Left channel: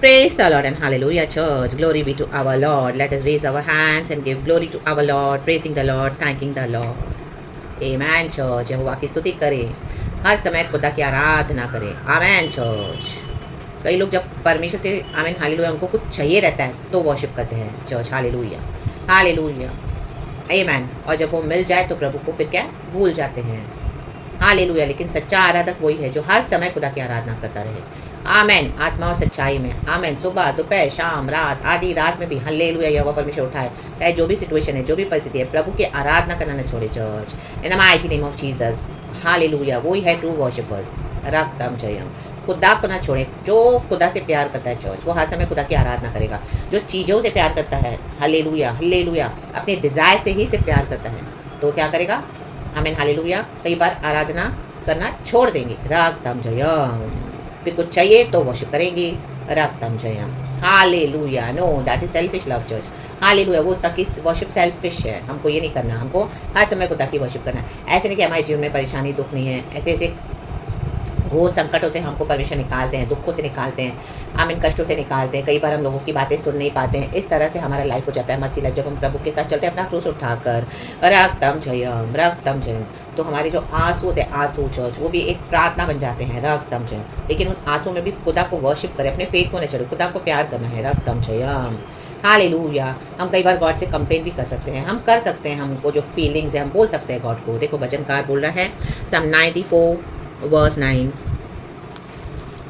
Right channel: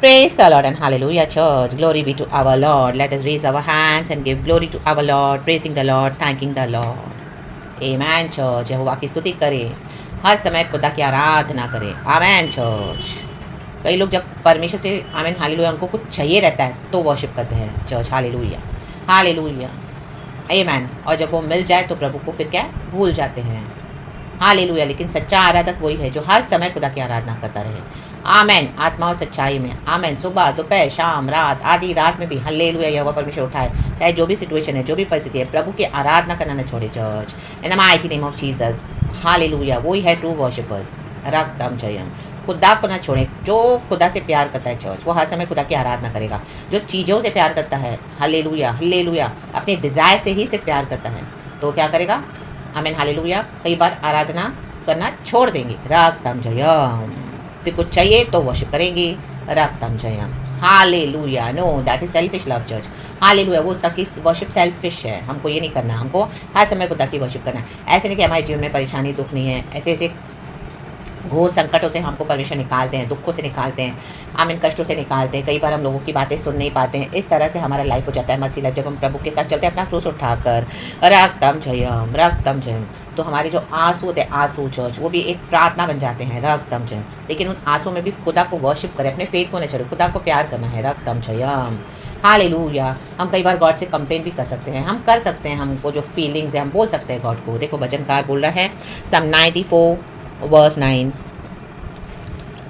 Praise the Lord and hallelujah, church. Glory be to our Lord. Let us raise our hands and give glory to our Lord, praising the Lord, thanking the Lord. Amen, church. यहोवा की स्तुति करें, हर समय खुदा की आराधना करें. Amen, church. कई लोग जब परमेश्वर से आमीन हालेलुया उनको कुछ चाहिए रहता है तो वर्शिप करते हैं चर्च. हालेलुया, हालेलुया, आमेन. और जब वो मिल जाए तो प्रभु को फिर क्या भूल जाते हैं. हालेलुया. लेकिन सच्चा आराधक वही है जो हर समय खुदा की आराधना करता रहे. आमेन. आत्मा और सच्चाई में. आमेन. सुबह, दोपहर, शाम, रात, आधी रात में भी हालेलुया यहोवा परमेश्वर उठाए. चाहे जो भी सिचुएशन है, जो भी परिस्थिति है, प्रभु की आराधना करना न छोड़े church. In the mighty name of Jesus. Hallelujah. वही है ट्रू वर्शिपर्स. रक्तम जयम. खुदा को ना छोड़े. जो खुदा से प्यार करता है चर्च, वो हर समय खुदा की आराधना करेगा. जो चीज़ों से प्यार करता है, हालेलुया, हालेलुया, अपने डिज़ायर से ही से प्यार करता है, तो क्या करेगा. आमीन हालेलुया. कई बार आराधना करना छोड़ देंगे. रक्तम जयम. फिर कुछ चाहिए तो वर्शिप करेंगे. रक्तम जयम. Hallelujah. No, that is selfish love church. Hallelujah. वो उसका की वर्शिप सेल्फिश है. हमको ये नहीं करना. हमको हर समय खुदा की वर्शिप करना है. ऐसे नहीं कि हमारे जीवन में परेशानी दुख नहीं है. ऐसे ऐसे घोर संकटों से हमको परमेश्वर निकालते हैं, दुखों से निकालते हैं, आमीन, कष्टों से निकालते हैं. कई बार हम लोगों की बातें सुन नहीं पाते हैं. इस तरह से हमारा लाइफ हो जाता है मसीह लाइफ. जब हम प्रभु के साथ चलते हैं अपना क्रूस उठाकर, रक्तम जयम, रक्तम जयम, तो हमारे जो आंसू होते हैं, आंसू चर्च, वो भी एक प्रार्थना बन जाते हैं. रक्तम जयम. लेकिन उन आंसू में भी खुदा को वर्शिप करें, अपने फेथ को नहीं छोड़े, खुदा को प्यार करना है. रक्तम जयम. हालेलुया. हम कई बार गॉड से कंप्लेन भी कर सकते हैं. हम कर सकते हैं. हमको जो फीलिंग्स है हम बोल सकते हैं गॉड को. देखो भजनकार बोल रहा है सम 94 वर्स 9.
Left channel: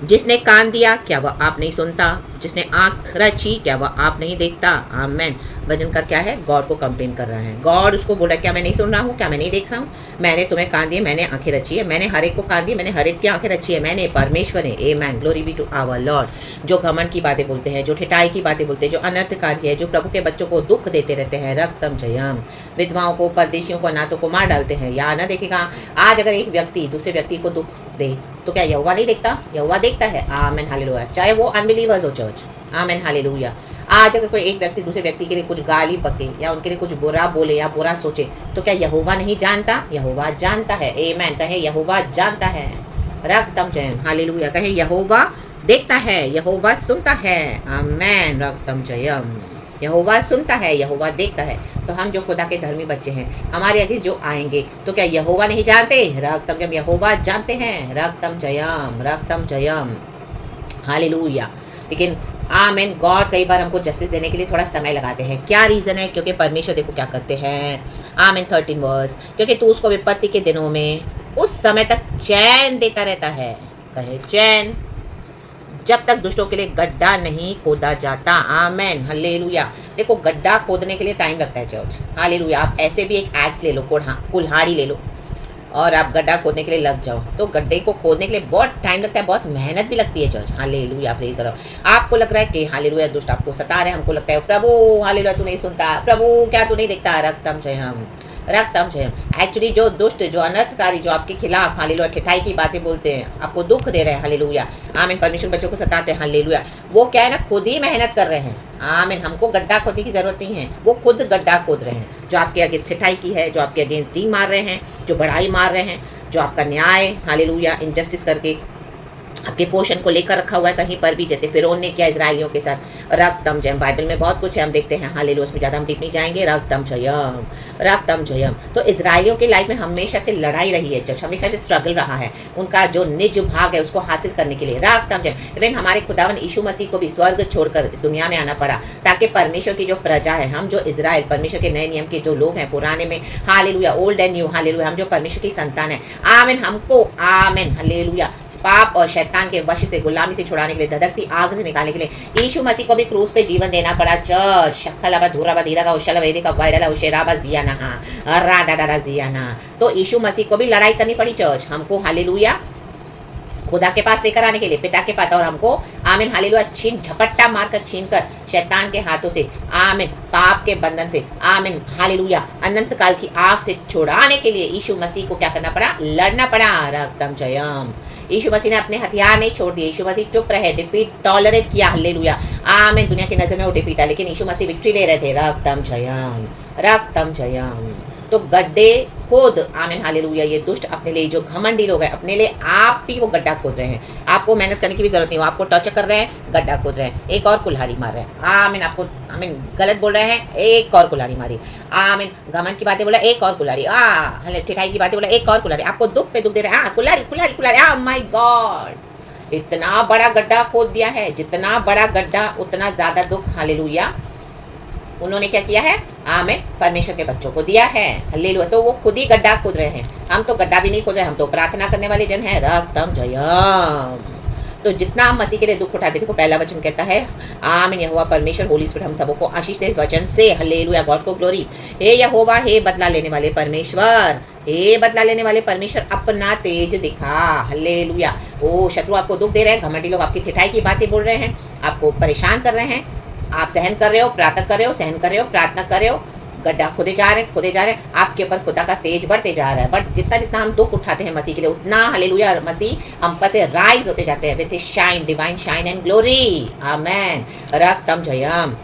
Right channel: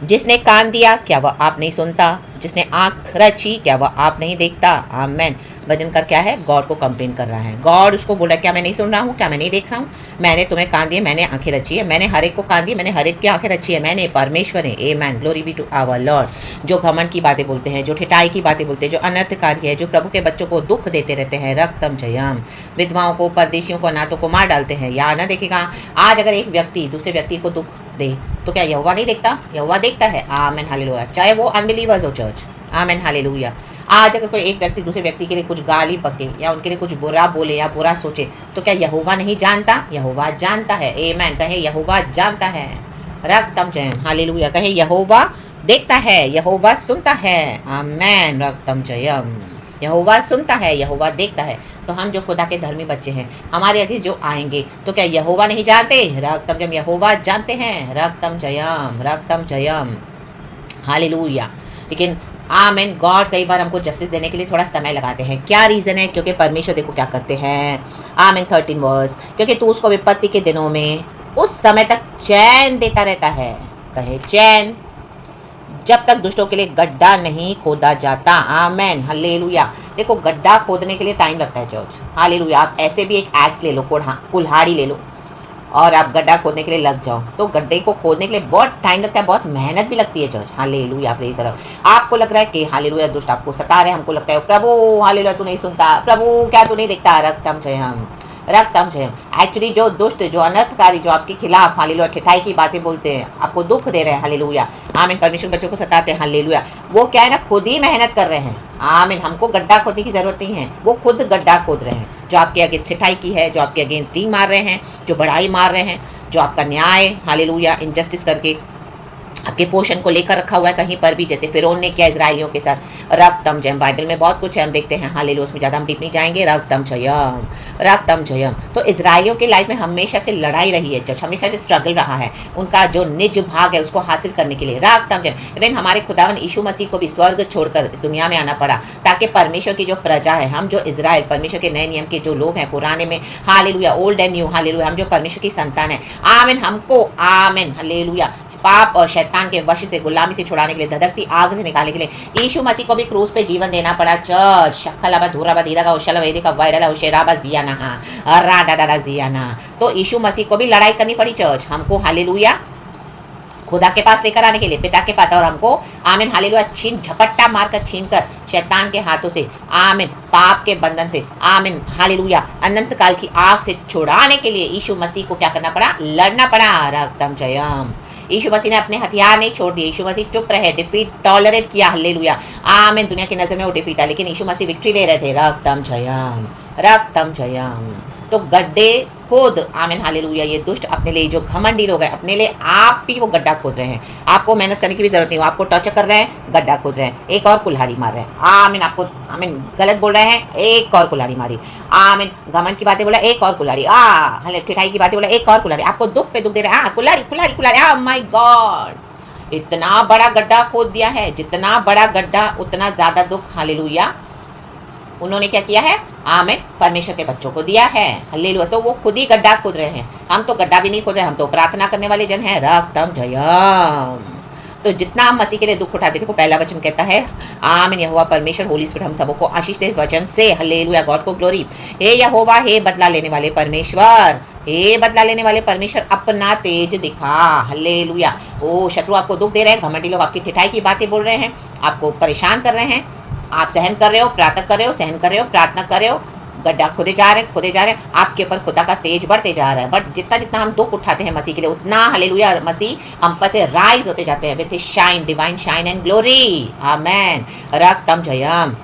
जिसने कान दिया क्या वह आप नहीं सुनता, जिसने आँख रची क्या वह आप नहीं देखता. आमेन. भजन का क्या है, गॉड को कंप्लेन कर रहा है. गॉड उसको बोला क्या मैं नहीं सुन रहा हूँ, क्या मैं नहीं देख रहा हूँ. मैंने तुम्हें कान दिए, मैंने आंखें रची है, मैंने हर एक को कान दिए, मैंने हर एक की आंखें रची है. मैंने परमेश्वर है. Amen. Glory be to our Lord. जो घमंड की बातें बोलते हैं, जो ठिठाई की बातें बोलते हैं, जो अनर्थकारी है, जो प्रभु के बच्चों को दुख देते रहते हैं. रक्तम जयम. विधवाओं को, परदेशियों को, अनाथों को मार डालते हैं. या ना देखेगा. आज अगर एक व्यक्ति दूसरे व्यक्ति को दुख दे तो क्या यहोवा नहीं देखता. यहोवा देखता है. Amen hallelujah. चाहे वो अनबिलीवर्स हो चर्च. Amen hallelujah. आज अगर कोई एक व्यक्ति दूसरे व्यक्ति के लिए कुछ गाली बके या उनके लिए कुछ बुरा बोले या बुरा सोचे तो क्या यहोवा नहीं जानता. यहोवा जानता है. आमेन. कहे यहोवा जानता है. रक्तम जयम. हालेलुया. कहे यहोवा देखता है, यहोवा सुनता है. आमेन. रक्तम जयम. यहोवा सुनता है, यहोवा देखता है. तो हम जो खुदा के धर्मी बच्चे हैं, हमारे आगे जो आएंगे तो क्या यहोवा नहीं जानते. रक्तम जयम. यहोवा जानते हैं. रक्तम जयम, रक्तम जयम. हालेलुया. लेकिन आमेन. गॉड कई बार हमको जस्टिस देने के लिए थोड़ा समय लगाते हैं. क्या रीज़न है, क्योंकि परमेश्वर देखो क्या करते हैं. आमेन. 13 वर्स. क्योंकि तू उसको विपत्ति के दिनों में उस समय तक चैन देता रहता है. कहे चैन. जब तक दुष्टों के लिए गड्ढा नहीं खोदा जाता. Amen hallelujah. देखो गड्ढा खोदने के लिए टाइम लगता है चर्च. हालेलुया. आप ऐसे भी एक एक्स ले लो, कुल्हाड़ी ले लो और आप गड्ढा खोदने के लिए लग जाओ तो गड्ढे को खोदने के लिए बहुत टाइम लगता है, बहुत मेहनत भी लगती है church. Hallelujah. Praise the Lord. आपको लग रहा है कि हालेलुया दुष्ट आपको सता रहे हैं. हमको लगता है प्रभु हालेलुया तू नहीं सुनता, प्रभु क्या तू नहीं देखता. रक्तम जयम, रक्तम जयम. एक्चुअली जो दुष्ट, जो अनर्थकारी, जो आपके खिलाफ हालेलुया ठिठाई की बातें बोलते हैं, आपको दुख दे रहे हैं. हालेलुया. आमीन. परमेश्वर बच्चों को सताते हैं. हालेलुया. वो क्या है ना, खुद ही मेहनत कर रहे हैं. आमीन. हमको गड्ढा खोदने की जरूरत नहीं है, वो खुद गड्ढा खोद रहे हैं. जो आपके अगेंस्ट ठिठाई की है, जो आपके अगेंस्ट डी मार रहे हैं, जो बड़ाई मार रहे हैं, जो आपका न्याय हालेलुया इनजस्टिस करके आपके पोषण को लेकर रखा हुआ है कहीं पर भी, जैसे फिरौन ने किया इजराइलियों के साथ. रक्तम जयम. बाइबल में बहुत कुछ है, हम देखते हैं. हालेलुया. उसमें ज़्यादा हम डीप नहीं जाएंगे. रक्तम जयम, रक्तम जयम. तो इजराइलियों की लाइफ में हमेशा से लड़ाई रही है चर्च, हमेशा से स्ट्रगल रहा है. उनका जो निज भाग है उसको हासिल करने के लिए. रक्तम जयम. इवन हमारे खुदावन यीशु मसीह को भी स्वर्ग छोड़कर इस दुनिया में आना पड़ा ताकि परमेश्वर की जो प्रजा है, हम जो इजराइल परमेश्वर के नए नियम के जो लोग हैं, पुराने में hallelujah, old and new hallelujah, हम जो परमेश्वर की संतान है. आमीन. हमको आमीन हालेलुया पाप और शैतान के वश से, गुलामी से छुड़ाने के लिए, धधकती आग से निकालने के लिए यीशु मसीह को भी क्रूस पे जीवन देना पड़ा. चर्च शक्कलाबा धूराबा धीरागा उशल वेदिका वाइडला उशेराबा जियाना राधा दादा जियाना. तो यीशु मसीह को भी लड़ाई करनी पड़ी चर्च हमको. हालेलुया. खुदा के पास लेकर आने के लिए, पिता के पास. और हमको आमीन हालेलुया झपट्टा मारकर छीनकर शैतान के हाथों से, आमीन, पाप के बंधन से, आमीन हालेलुया अनंत काल की आग से छुड़ाने के लिए यीशु मसीह को क्या करना पड़ा, लड़ना पड़ा. रक्तम जयम. यीशु मसीह ने अपने हथियार नहीं छोड़ दिए. यीशु मसीह चुप रहे, डिफीट टॉलरेट किया. हालेलुया. आमीन. दुनिया की नजर में वो डिफीट है, लेकिन यीशु मसीह विक्ट्री ले रहे थे. रक्तम जयम, रक्तम जयम. तो गड्ढे खुद आमीन हालेलुया ये दुष्ट अपने लिए जो घमंडी लोग हैं अपने लिए आप ही वो गड्ढा खोद रहे हैं। आपको मेहनत करने की भी जरूरत नहीं, वो आपको टॉर्चर कर रहे हैं, गड्ढा खोद रहे हैं, एक और कुल्हाड़ी मार रहे हैं। आमीन आपको आमीन गलत बोल रहे हैं, एक और कुल्हाड़ी मारी। आमीन घमंड की बातें बोला, एक और कुल्हाड़ी। हले ठिठाई की बातें बोला, एक और कुल्हाड़ी। आपको दुख पे दुख दे रहे हैं, कुल्हाड़ी कुल्हाड़ी कुल्हाड़ी। माय गॉड, इतना बड़ा गड्ढा खोद दिया है, जितना बड़ा गड्ढा उतना ज्यादा दुख। हालेलुया उन्होंने क्या किया है? आमीन परमेश्वर के बच्चों को दिया है। हालेलुया तो वो खुद ही गड्ढा खोद रहे हैं, हम तो गड्ढा भी नहीं खोद रहे, हम तो प्रार्थना करने वाले जन हैं। रक्तम जयम। तो जितना हम मसीह के लिए दुख उठाते, देखो पहला वचन कहता है आमीन यहोवा परमेश्वर होली स्पिरिट हम सबको आशीष दे वचन से। हालेलुया गॉड को ग्लोरी। हे यहोवा, हे बदला लेने वाले परमेश्वर, हे बदला लेने वाले परमेश्वर अपना तेज दिखा। हालेलुया। ओ शत्रु आपको दुख दे रहे हैं, घमंडी लोग आपकी ठिठाई की बातें बोल रहे हैं, आपको परेशान कर रहे हैं, आप सहन कर रहे हो, प्रार्थना कर रहे हो, सहन कर रहे हो, प्रार्थना कर रहे हो, गड्ढा खोदे जा रहे हैं, आपके ऊपर खुदा का तेज बढ़ते जा रहा है। बट जितना जितना हम दुख उठाते हैं मसीह के लिए, उतना हालेलुया मसीह हम पर से राइज होते जाते हैं with shine, divine shine and glory. Amen. रक्तम जयम।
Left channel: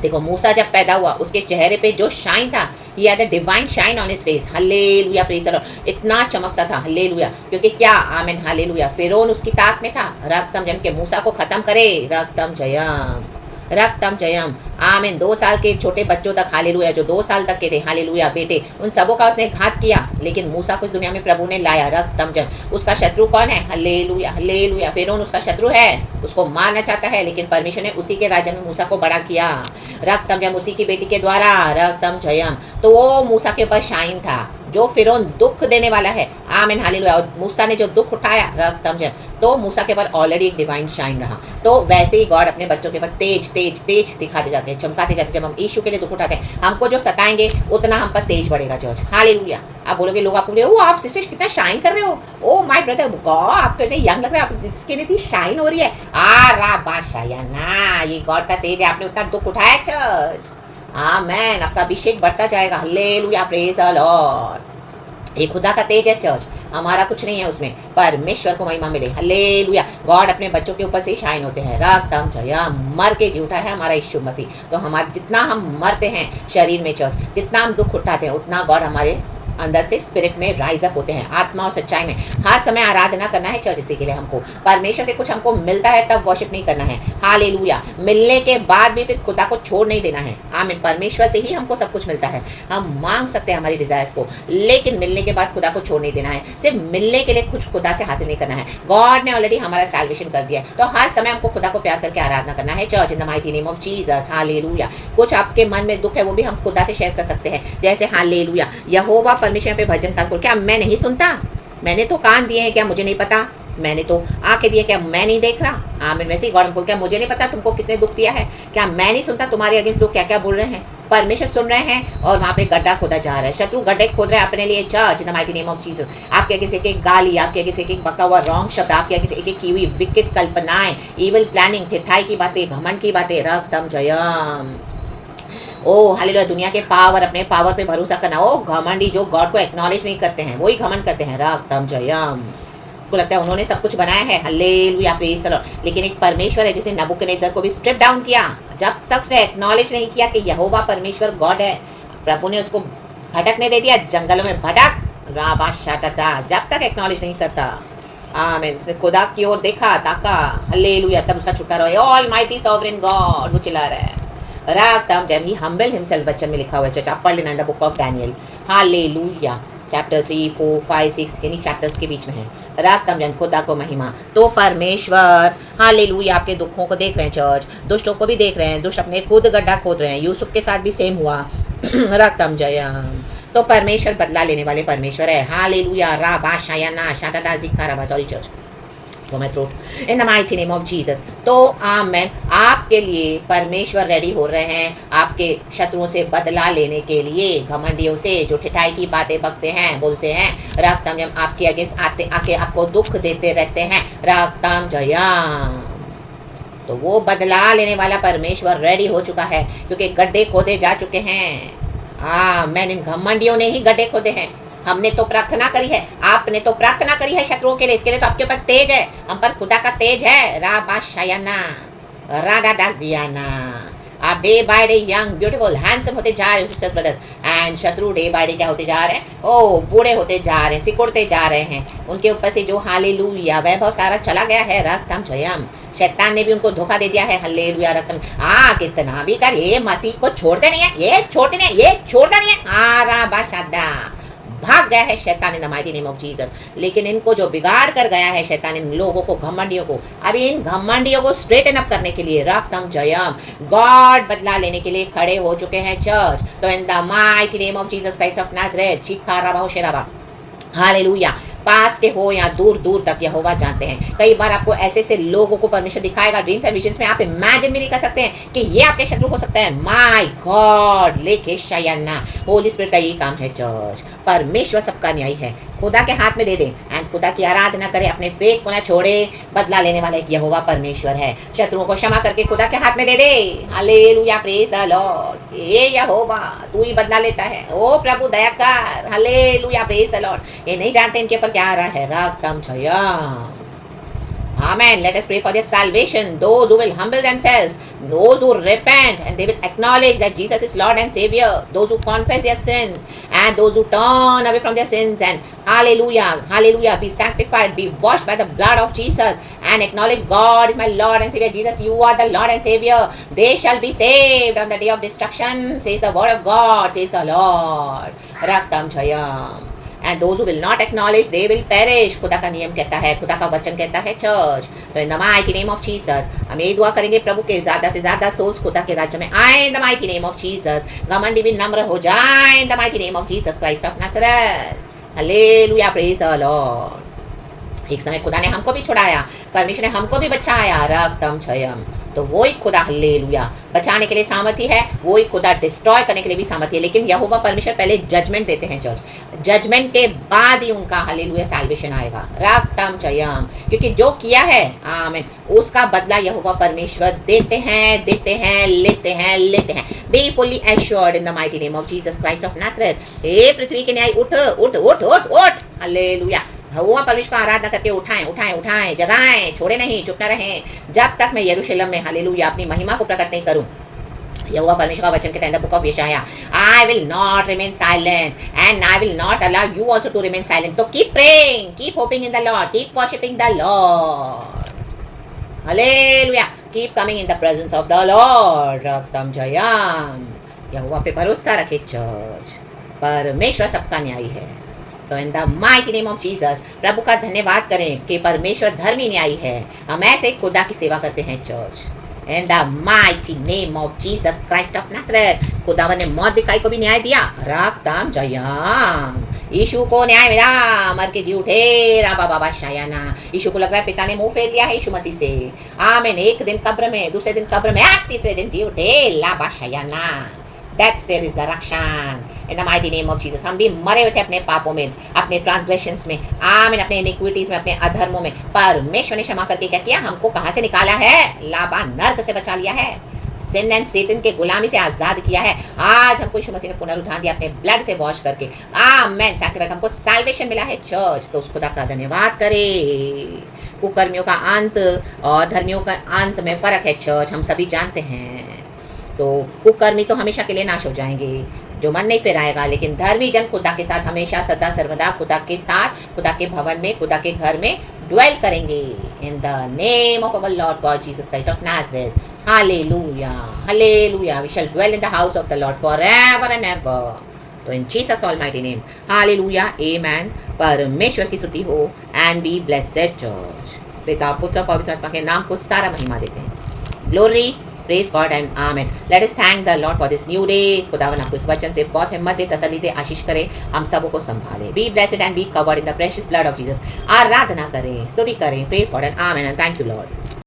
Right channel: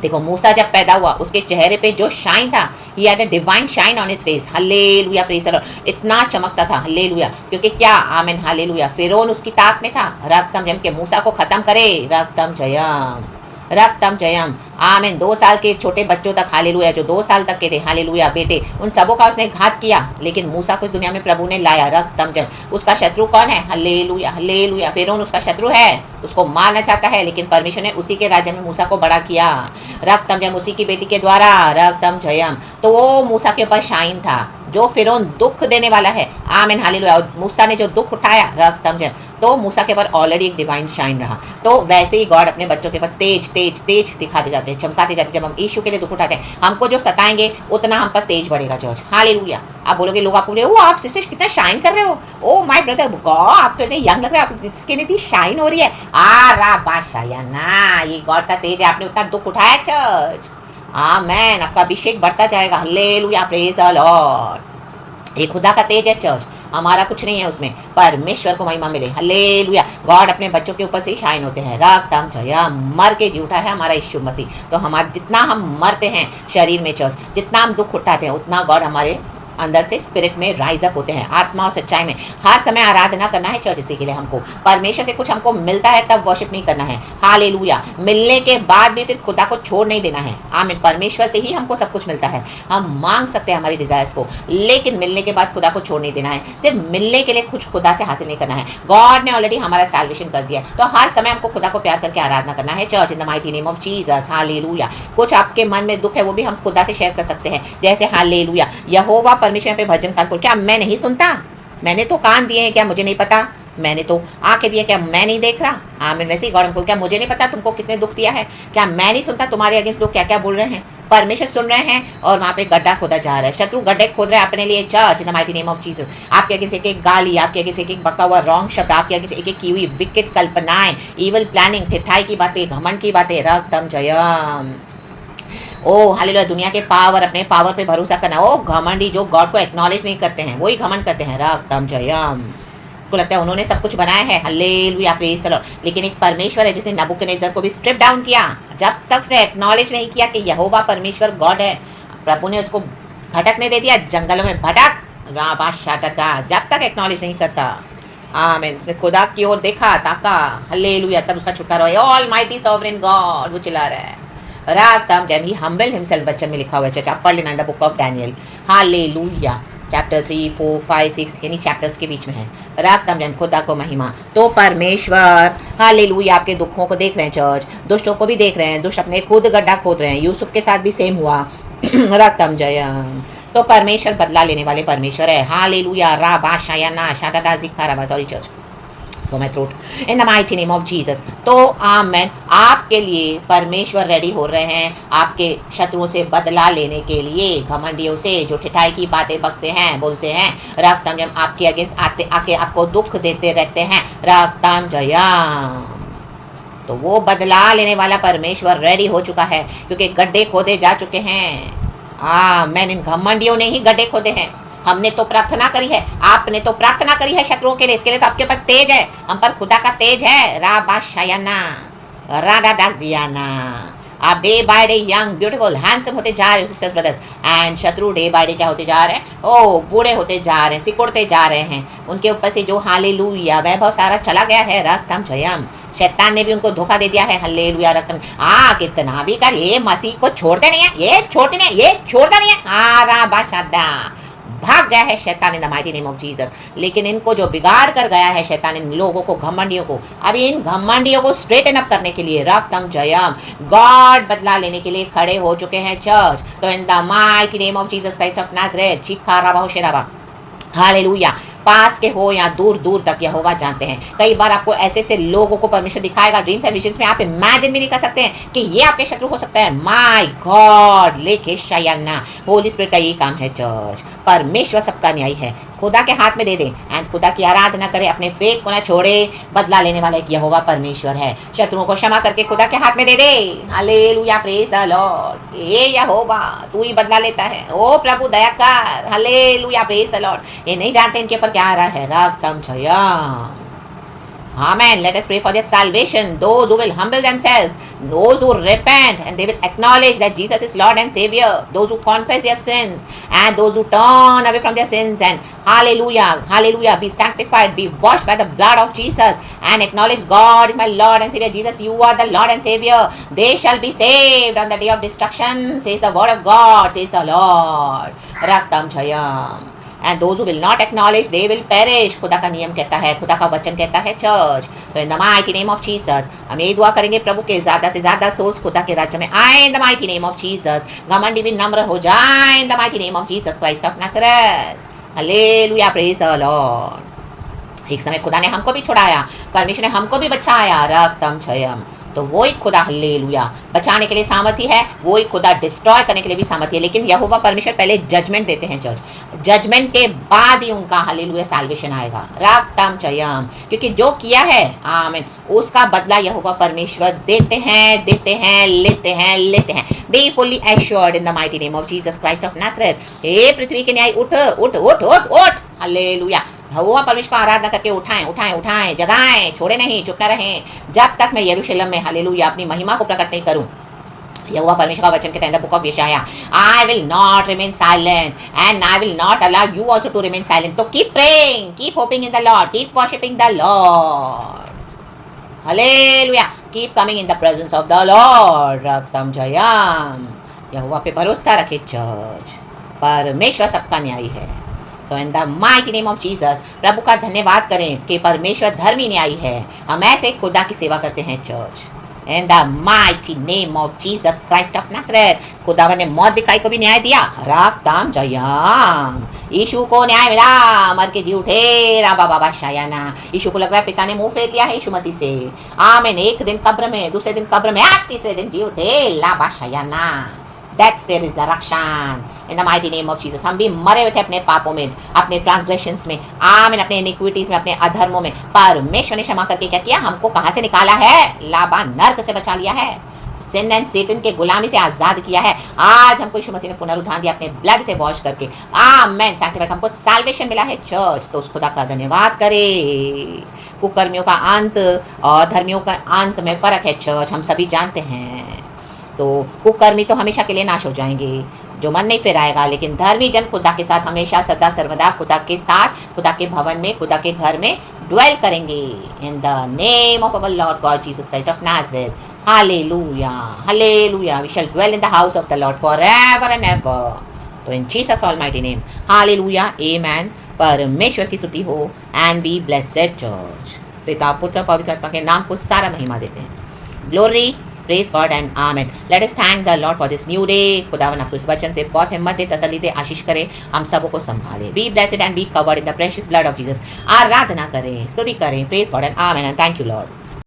देखो मूसा जब पैदा हुआ उसके चेहरे पे जो शाइन था, he had a divine shine on his face. Hallelujah praise the Lord. इतना चमकता था। हालेलुया क्योंकि क्या आमीन हालेलुया फिरौन उसकी ताक में था। रक्तम जयम के मूसा को खत्म करे। रक्तम जयम, रक्तम जयम। आमीन 2 साल के छोटे बच्चों तक हालेलुया, जो 2 साल तक के थे हालेलुया बेटे, उन सबों का उसने घात किया, लेकिन मूसा को इस दुनिया में प्रभु ने लाया। रक्तम जयम। उसका शत्रु कौन है? हालेलुया हालेलुया फिरौन उसका शत्रु है, उसको मारना चाहता है, लेकिन परमेश्वर ने उसी के राज्य में मूसा को बड़ा किया। रक्तम जयम उसी की बेटी के द्वारा। रक्तम जयम। तो वो मूसा के ऊपर शाइन था जो फिरौन दुख देने वाला है। आमीन हालेलुया। और मूसा ने जो दुख उठाया रक्तम जयम, तो मूसा के ऊपर ऑलरेडी एक डिवाइन शाइन रहा। तो वैसे ही गॉड अपने बच्चों के ऊपर तेज तेज तेज दिखाते जाते हैं, चमकाते जाते हैं। जब हम यीशु के लिए दुख उठाते हैं, हमको जो सताएंगे उतना हम पर तेज बढ़ेगा चर्च। हालेलुया। आप बोलोगे, लोग आपको बोले, ओ आप सिस्टर कितना शाइन कर रहे हो, ओ माय ब्रदर गॉड आप तो इतने यंग लग रहे हो, आप इसके इतनी शाइन हो रही है। रा बादशाह ना, ये गॉड का तेज है, आपने उतना दुख उठाया चर्च। आमेन। आपका अभिषेक बढ़ता जाएगा। Hallelujah praise the Lord. ये खुदा का तेज है चर्च, हमारा कुछ नहीं है उसमें, परमेश्वर को महिमा मिले। हालेलुया। गॉड अपने बच्चों के ऊपर से ही शाइन होते हैं। रक्तम जया। मर के जी उठा है हमारा यीशु मसीह। तो हमारा जितना हम मरते हैं शरीर में चर्च, जितना हम दुख उठाते हैं, उतना गॉड हमारे अंदर से स्पिरिट में राइज अप होते हैं, आत्मा और सच्चाई में। हर समय आराधना करना है चर्च। इसी के लिए हमको परमेश्वर से कुछ हमको मिलता है तब वर्शिप नहीं करना है। हालेलुया। मिलने के बाद भी फिर खुदा को छोड़ नहीं देना है। आमीन। परमेश्वर से ही हमको सब कुछ मिलता है, हम मांग सकते हैं हमारी डिजायर्स को, लेकिन मिलने के बाद खुदा को छोड़ नहीं देना है। सिर्फ मिलने के लिए कुछ खुदा से हासिल नहीं करना है। गॉड ने ऑलरेडी हमारा सैल्वेशन कर दिया है, तो हर समय हमको खुदा को प्यार करके आराधना करना है church in the mighty name of Jesus. Hallelujah. कुछ आपके मन में दुख है वो भी हम खुदा से शेयर कर सकते हैं, जैसे हालेलुया यहोवा परमेश्वर पे भजन कर, क्या मैं नहीं सुनता? मैंने तो कान दिए हैं, क्या मुझे नहीं पता? मैंने तो आंखें दी है, क्या मैं नहीं देख रहा? आमीन। वैसे ही गॉड हमको, क्या मुझे नहीं पता तुमको किसने दुख दिया है? क्या मैं नहीं सुनता तुम्हारे अगेंस्ट लोग क्या क्या बोल रहे हैं? परमेश्वर सुन रहे हैं और वहाँ पे गड्ढा खोदा जा रहा है, शत्रु गड्ढे खोद रहे हैं अपने लिए church in the mighty name of Jesus. आपके आगे से एक एक गाली, आपके आगे से एक एक बका हुआ रॉन्ग शब्द, आपके आगे से एक एक की हुई विकेट कल्पनाएं, इवल प्लानिंग, ठिठाई की बातें, घमंड की बातें। रक्तम जयम। ओ हालेलुया। दुनिया के पावर, अपने पावर पे भरोसा करना। ओ घमंडी जो गॉड को एक्नॉलेज नहीं करते हैं वही घमंड करते हैं। रक्तम जयम। को लगता है उन्होंने सब कुछ बनाया है। Hallelujah praise the Lord. लेकिन एक परमेश्वर है जिसने नबूकदनेस्सर को भी स्ट्रिप डाउन किया। जब तक उसने एक्नॉलेज नहीं किया कि यहोवा परमेश्वर गॉड है, प्रभु ने उसको भटकने दे दिया, जंगलों में भटक राबा शाता। जब तक एक्नॉलेज नहीं करता, आमीन, उसने खुदा की ओर देखा, ताका, हालेलुया, तब उसका छुटकारा हुआ। ऑल माइटी सॉवरेन गॉड, वो चिल्ला रहा है। रक्तम जयम। ही हम्बल्ड हिमसेल्फ, वचन में लिखा हुआ है चर्च, आप पढ़ लेना in the book of Daniel. Hallelujah. Chapter 3, 4, 5, 6 यानी चैप्टर्स के बीच में है। रक्तम जयम। खुदा को महिमा। तो परमेश्वर हालेलुया आपके दुखों को देख रहे हैं चर्च, दुष्टों को भी देख रहे हैं, दुष्ट अपने खुद गड्ढा खोद रहे हैं। यूसुफ के साथ भी सेम हुआ। रक्तम जयम। तो परमेश्वर बदला लेने वाले परमेश्वर है। हालेलुया। रा बादशाह या ना शादा जिक्का रबा, sorry church my throat in the mighty name of Jesus। तो आमेन। आपके लिए परमेश्वर रेडी हो रहे हैं आपके शत्रुओं से बदला लेने के लिए, घमंडियों से जो ठिठाई की बातें बकते हैं, बोलते हैं। रक्तम जयम। आपके अगेंस्ट आते आके आपको दुख देते रहते हैं। रक्तम जयम। तो वो बदला लेने वाला परमेश्वर रेडी हो चुका है, क्योंकि गड्ढे खोदे जा चुके हैं। मैंने इन घमंडियों ने ही गड्ढे खोदे हैं। हमने तो प्रार्थना करी है, आपने तो प्रार्थना करी है शत्रुओं के लिए, इसके लिए तो आपके ऊपर तेज है, हम पर खुदा का तेज है। रा बादशायाना, राडा दासियाना। आप day by day young beautiful handsome होते जा रहे हो सिस्टर्स ब्रदर्स, एंड शत्रु डे बाय डे क्या होते जा रहे हैं, ओ बूढ़े होते जा रहे हैं, सिकुड़ते जा रहे हैं। उनके ऊपर से जो हालेलुया वैभव सारा चला गया है, रक्तम जयम। शैतान ने भी उनको धोखा दे दिया है, हालेलुया रक्तम। कितना भी कर, ये मसीह को छोड़ते नहीं है, ये छोड़ते नहीं है, ये छोड़ता नहीं है। बाशादा भाग गया है शैतान इन the mighty name of Jesus. लेकिन इनको जो बिगाड़ कर गया है शैतान, इन लोगों को, घमंडियों को, अभी इन घमंडियों को स्ट्रेटन अप करने के लिए रक्तम जयम गॉड बदला लेने के लिए खड़े हो चुके हैं चर्च। तो in the mighty name of Jesus Christ of Nazareth, चीखा राबा हो शेराबा, हालेलुया। पास के हो या दूर दूर तक यहोवा जानते हैं। कई बार आपको ऐसे ऐसे लोगों को परमेश्वर दिखाएगा ड्रीम्स एंड विजन्स में, आप इमेजिन भी नहीं कर सकते हैं कि ये आपके शत्रु हो सकते हैं। माय गॉड लेके शायना, होली स्पिरिट का ये काम है चर्च। परमेश्वर सबका न्यायी है, खुदा के हाथ में दे दे एंड खुदा की आराधना करे, अपने फेथ को ना छोड़े। बदला लेने वाला एक यहोवा परमेश्वर है, शत्रुओं को क्षमा करके खुदा के हाथ में दे दे। Hallelujah, praise the Lord. ये यहोवा तू ही बदला लेता है, ओ प्रभु दया कर। Hallelujah, praise the Lord. ये नहीं जानते इनके ऊपर क्या आ रहा है, रक्तम Jayam. Amen. Let us pray for their salvation. Those who will humble themselves, those who repent and they will acknowledge that Jesus is Lord and Savior, those who confess their sins and those who turn away from their sins and hallelujah, hallelujah, be sanctified, be washed by the blood of Jesus and acknowledge God is my Lord and Savior. Jesus, you are the Lord and Savior. They shall be saved on the day of destruction, says the word of God, says the Lord. Raktam Jayam. And those who will not acknowledge, they will perish. खुदा का नियम कहता है, खुदा का वचन कहता है चर्च। तो in the mighty name of Jesus हम यही दुआ करेंगे प्रभु के ज़्यादा से ज़्यादा सोल्स खुदा के राज्य में आए। इन the mighty name of Jesus घमंडी भी नम्र हो जाए। इन the mighty name of Jesus Christ of Nazareth, hallelujah, praise the Lord. एक समय खुदा ने हमको भी छुड़ाया, परमेश्वर ने हमको भी बचाया, रक्तम जयम। तो वही खुदा हालेलुया बचाने के लिए सामर्थ्य है, वही खुदा डिस्ट्रॉय करने के लिए भी सामर्थ्य है। लेकिन यहोवा परमेश्वर पहले जजमेंट देते हैं चर्च, जजमेंट के बाद ही उनका हालेलुया सैल्वेशन आएगा, रक्तम जयम। क्योंकि जो किया है आमीन उसका बदला यहोवा परमेश्वर देते हैं, देते हैं, लेते हैं, लेते हैं। Be fully assured in the mighty name of Jesus Christ of Nazareth. हे पृथ्वी के न्याय उठ उठ उठ उठ उठ, हालेलुया। यहोवा परमेश्वर को आराधना करके उठाएं उठाएं उठाएं, जगाएं, छोड़े नहीं, चुप न रहें जब तक मैं यरूशलेम में हालेलुया अपनी महिमा को प्रकट नहीं करूं। यहोवा परमेश्वर का वचन कहता है इन द बुक ऑफ यशाया, I will not remain silent and I will not allow you also to remain silent. तो keep praying, keep hoping in the Lord, keep worshipping the Lord, hallelujah, keep coming in the presence of the Lord, रक्तम जयम। यहोवा पे भरोसा रखे church, परमेश्वर सबका न्यायी है। तो in the mighty name of Jesus प्रभु का धन्यवाद करें कि परमेश्वर धर्मी न्यायी है। हम ऐसे खुदा की सेवा करते हैं church. In the mighty name of Jesus Christ of Nazareth, खुदावन ने मौत दिखाई को भी न्याय दिया, रक्तम जयम। यीशु को न्याय मिला, मर के जी उठे, राबा बाबा शायाना। यीशु को लग रहा है पिता ने मुंह फेर लिया है यीशु मसीह से। आमीन। एक दिन कब्र में, दूसरे दिन कब्र में, तीसरे दिन जी उठे, लाबा शायाना। That's the resurrection in the mighty name of Jesus। हम भी मरे हुए थे अपने पापों में, अपने ट्रांसग्रेशंस में, आमीन, अपने इनिक्विटीज में, अपने अधर्मों में। परमेश्वर ने क्षमा करके क्या किया, हमको कहाँ से निकाला है, लाबा नर्क से बचा लिया है, सिन एंड सेटन के गुलामी से आजाद किया है। आज हमको यीशु मसीह ने पुनरुत्थान दिया अपने ब्लड से वॉश करके, आमीन, सैंक्टिफाई, हमको सैल्वेशन मिला है चर्च। तो उस खुदा का धन्यवाद करे। कुकर्मियों का अंत और धर्मियों का अंत में फर्क है चर्च, हम सभी जानते हैं। तो कुकर्मी तो हमेशा के लिए नाश हो जाएंगे, जो मन नहीं फिर आएगा, लेकिन धर्मी जन खुदा के साथ हमेशा सदा सर्वदा खुदा के साथ, खुदा के भवन में, खुदा के घर में ड्वेल करेंगे। In the name of our Lord God Jesus Christ of Nazareth, hallelujah, hallelujah, we shall dwell in the house of the Lord forever and ever. तो in Jesus almighty name, hallelujah, amen. परमेश्वर की स्तुति हो and B blessed church. पिता पुत्र पवित्र आत्मा के नाम को सारा महिमा देते हैं। Glory, Praise God and Amen. Let us thank the Lord for this new day. खुदावन आपको इस वचन से बहुत हिम्मत दे, तसल्ली दे, आशीष करे, हम सबों को संभाले। Be blessed and be covered in the precious blood of Jesus। आराधना करें, स्तुति करें। Praise God and Amen and thank you Lord.